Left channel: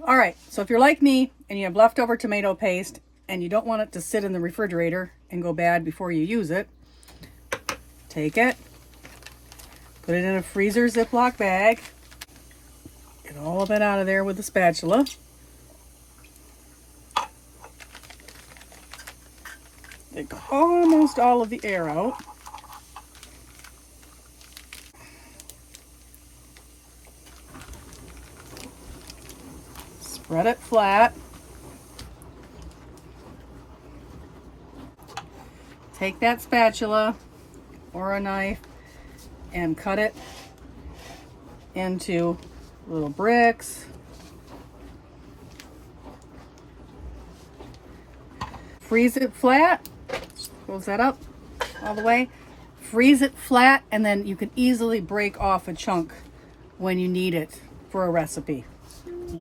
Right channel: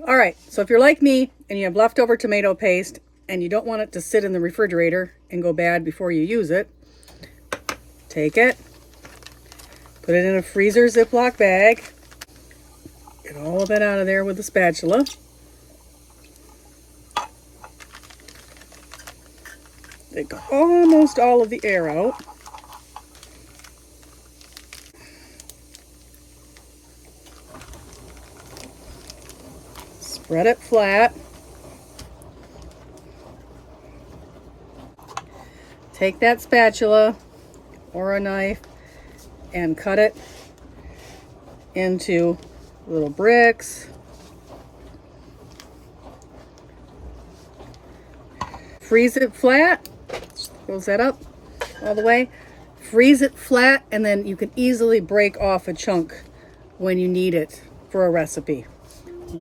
All right, so if you're like me and you have leftover tomato paste and you don't want it to sit in the refrigerator and go bad before you use it, take it, put it in a freezer Ziploc bag, get all of it out of there with a spatula. Take almost all of the air out. Spread it flat. Take that spatula or a knife and cut it into little bricks. Freeze it flat. Close that up all the way. Freeze it flat, and then you can easily break off a chunk when you need it for a recipe.